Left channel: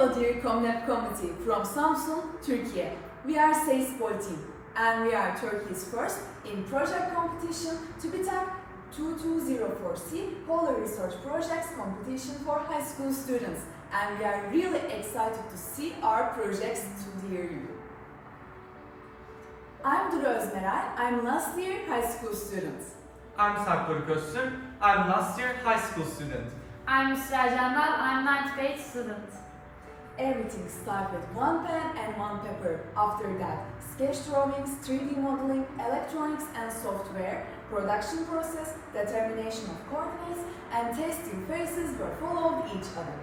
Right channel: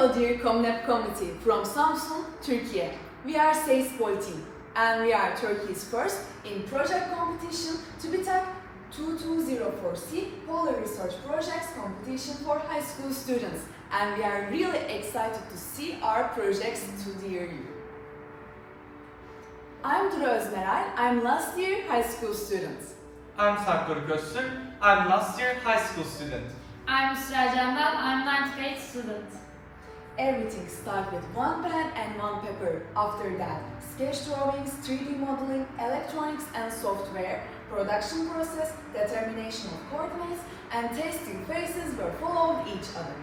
Hello dear COMNAP community from Samsun, Turkey. We are Seismic team and we are Turkey's first in project competition TÜBİTAK 2204C Polar Research Projects competition for high school students, and we are really excited to see our projects to near you. I'm Duru Özmeray, I'm last year high school student. I'm Sarp Köstür, I'm last year high school student. I'm Sıra Candal, I'm 9th grade student. Everything starts with one pen and one paper. After that, sketch drawings, 3D modeling, electronics and software, production process, determination of coordinates, and testing phases were followed each other.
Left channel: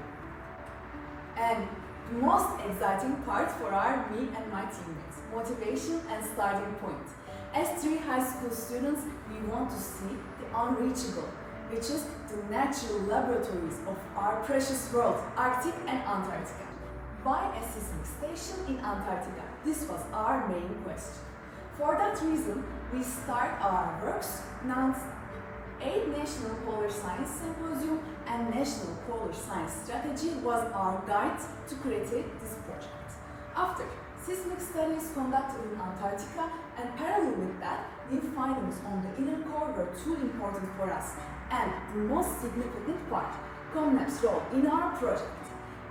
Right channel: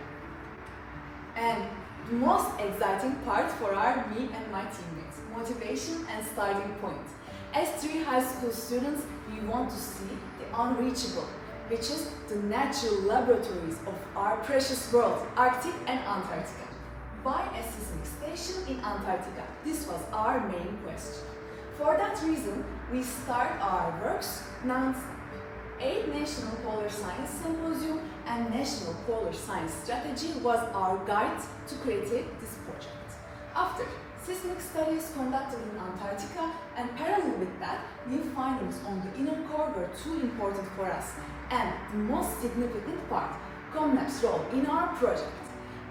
And the most exciting part for me and my teammates, motivation and starting point. As 3 high school students, we want to see the unreachable, which is the natural laboratories of our precious world, Arctic and Antarctica. Why a seismic station in Antarctica? This was our main question. For that reason, we start our works, announced 8 National Polar Science Symposium and National Polar Science Strategy was our guide to create this project. After seismic studies conducted in Antarctica and parallel with that, new findings on the inner core were too important for us. And the most significant part, COMNAP's role in our project.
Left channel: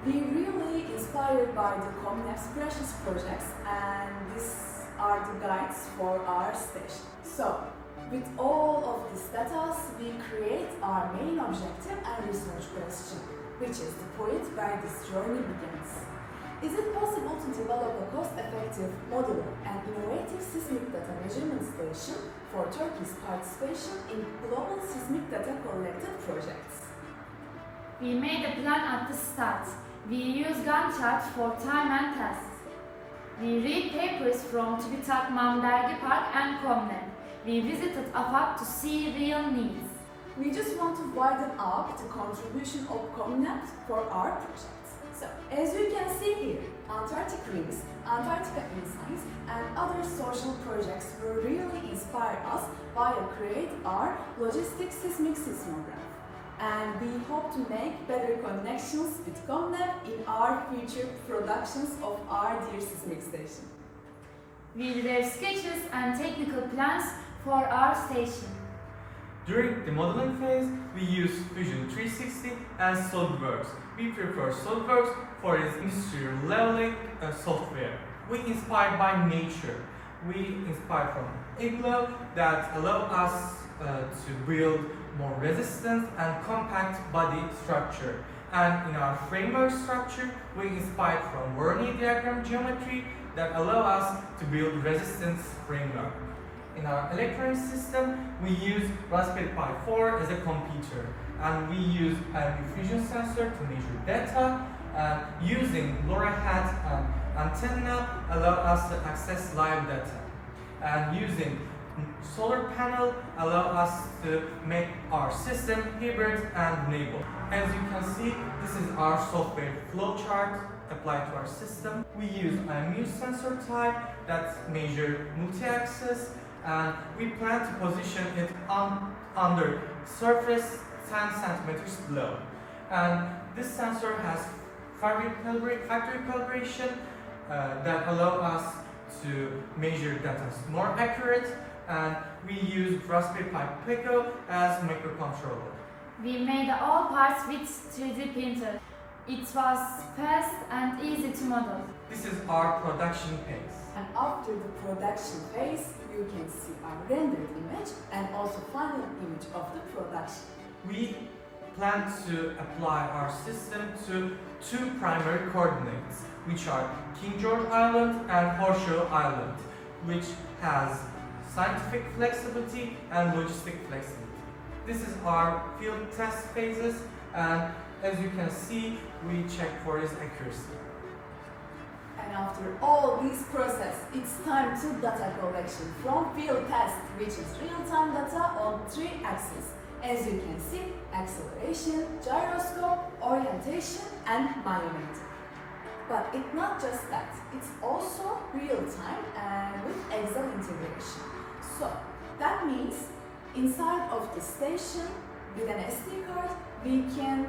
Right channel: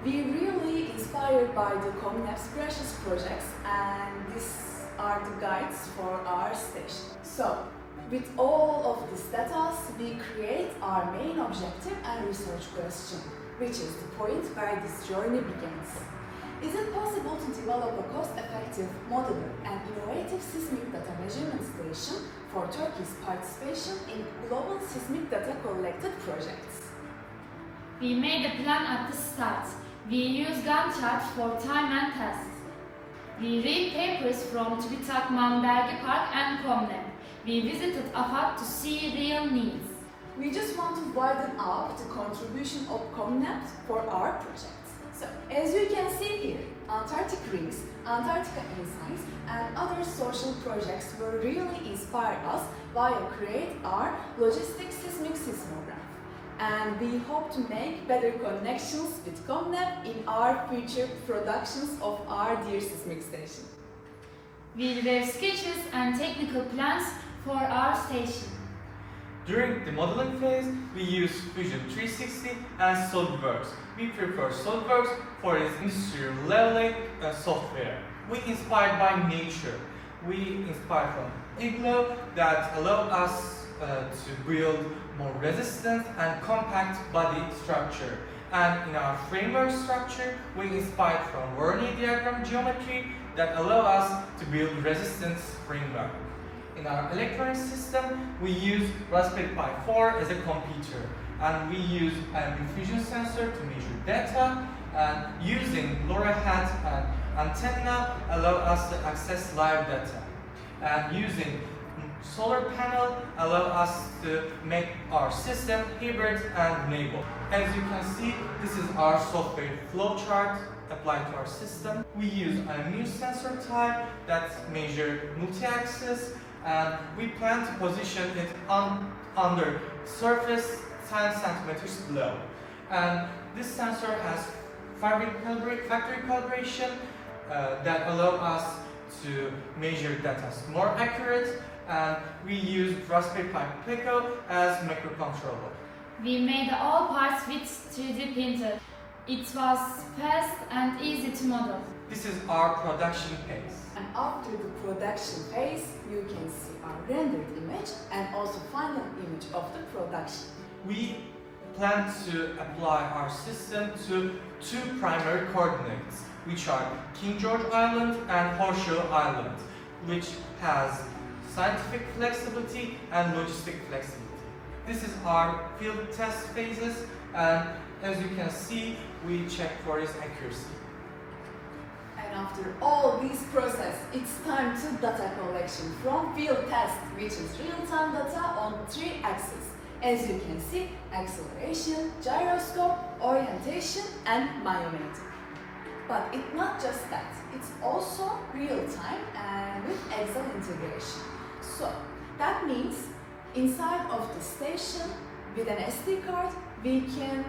We really inspired by the COMNAP's precious projects, and these are the guides for our station. So, with all of these data, we create our main objective and research question, which is the point where this journey begins. Is it possible to develop a cost-effective, modular and innovative seismic data measurement station for Turkey's participation in global seismic data collected projects? We made a plan at the start. We used Gantt charts for time and tests. We read papers from TÜBİTAK Dergi Park and COMNAP. We visited AFAD to see real needs. We just want to widen up the contribution of COMNAP for our projects. So, as you can see here, Antarctic Rings, Antarctica Insights and other social projects will really inspire us while create our logistic seismic seismograph. And we hope to make better connections with COMNAP in our future productions of our dear seismic station. We wrote sketches and technical plans for our station. During the modeling phase, we use Fusion 360 and SolidWorks. We prefer SolidWorks for its industrial leveling software. We inspired by nature. We inspired from igloo that allow us to build more resistant and compact body structure. And in our framework structure, we inspired from Voronoi diagram geometry that allow us to build resistance framework. In our electronic system, we use Raspberry Pi 4 as a computer, and we use an diffusion sensor to measure data, and using LoRa hat and antenna allow us to access live data, and using solar panel allow us to make our system hybrid and renewable. As you can see, this is our software flowchart applied to our system. We use a mu sensor type that measure multi-axis, and we plan to position it under surface 10 centimeters below. And this sensor has factory calibration that allow us to measure data more accurate, and we use Raspberry Pi Pico as microcontroller. We made all parts with 3D printer. It was fast and easy to model. This is our production phase. And after the production phase, you can see our rendered image and also final image of the production. We plan to apply our system to 2 primary coordinates, which are King George Island and Horseshoe Island, which has scientific flexibility and logistic flexibility. This is our field test phases, and as you can see, we check for its accuracy. And after all this process, it's time to data collection from field test, which is real-time data on 3 axes. As you can see, acceleration, gyroscope, orientation and myometer. But it's not just that, it's also real-time and with Excel integration. So, that means inside of the station with an SD card, we can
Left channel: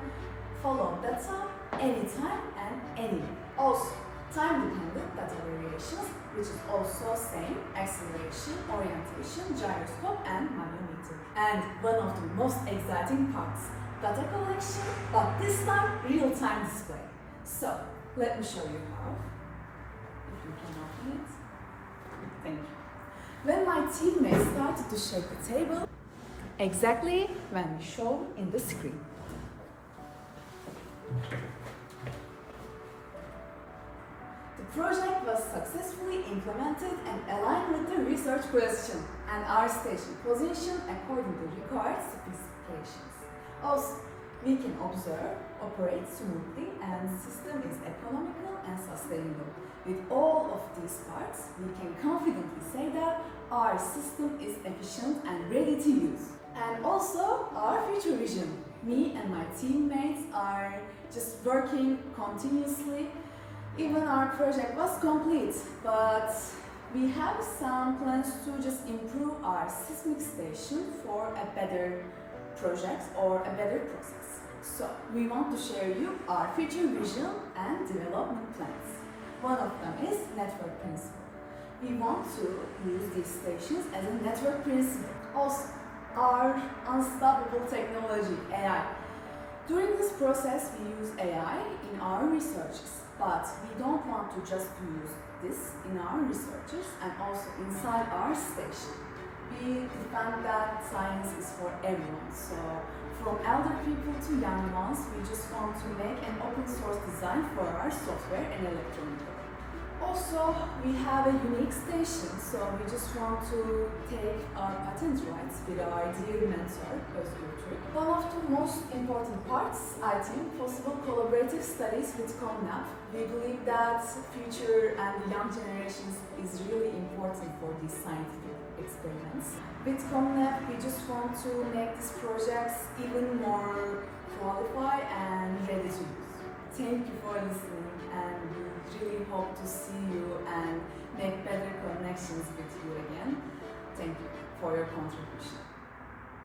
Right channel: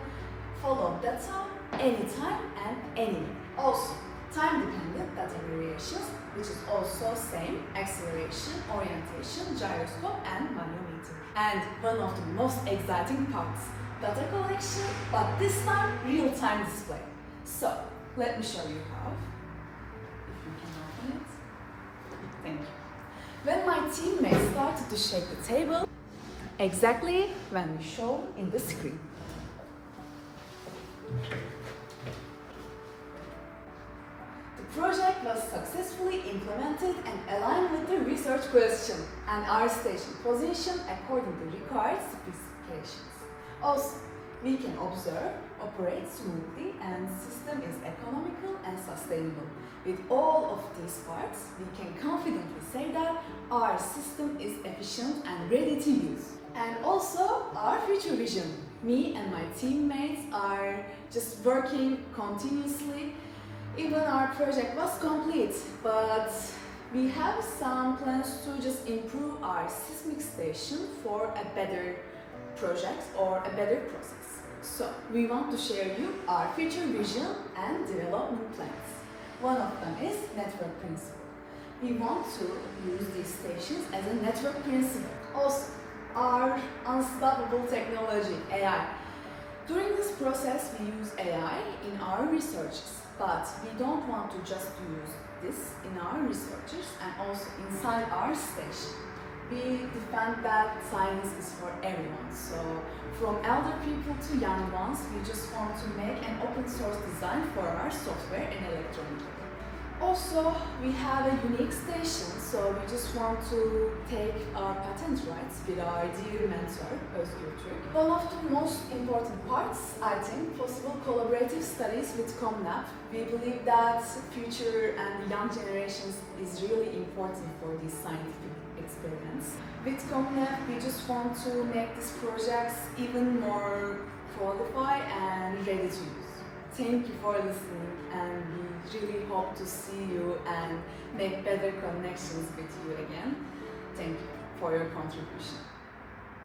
follow data anytime and anywhere. Also, time-dependent data variations, which is also same, acceleration, orientation, gyroscope, and magnetometer. And one of the most exciting parts, data collection, but this time real-time display. So, let me show you how. If you can open it. Thank you. When my teammates started to shake the table, exactly when we show in the screen. The project was successfully implemented and aligned with the research question and our station position according to required specifications. Also, we can observe, operate smoothly, and the system is economical and sustainable. With all of these parts, we can confidently say that our system is efficient and ready to use. And also, our future vision. Me and my teammates are just working continuously. Even our project was complete, but we have some plans to just improve our seismic station for a better project or a better process. So, we want to share you our future vision and development plans. One of them is network principle. We want to use these stations as a network principle. Also, our unstoppable technology, AI. During this process, we use AI in our researches, but we don't want to just use this in our researches and also inside our station. We defend that science is for everyone, so from elder people to young ones, we just want to make an open source design for our software and electronic. Also, we have a unique station, so we just want to take our patent rights with our dear mentor, Özgür Türk. One of the most important parts, I think, possible collaborative studies with COMNAP. We believe that future and young generations is really important for these scientific experiments. With COMNAP, we just want to make these projects even more qualified and ready to use. Thank you for listening, and we really hope to see you and make better connections with you again. Thank you for your contribution.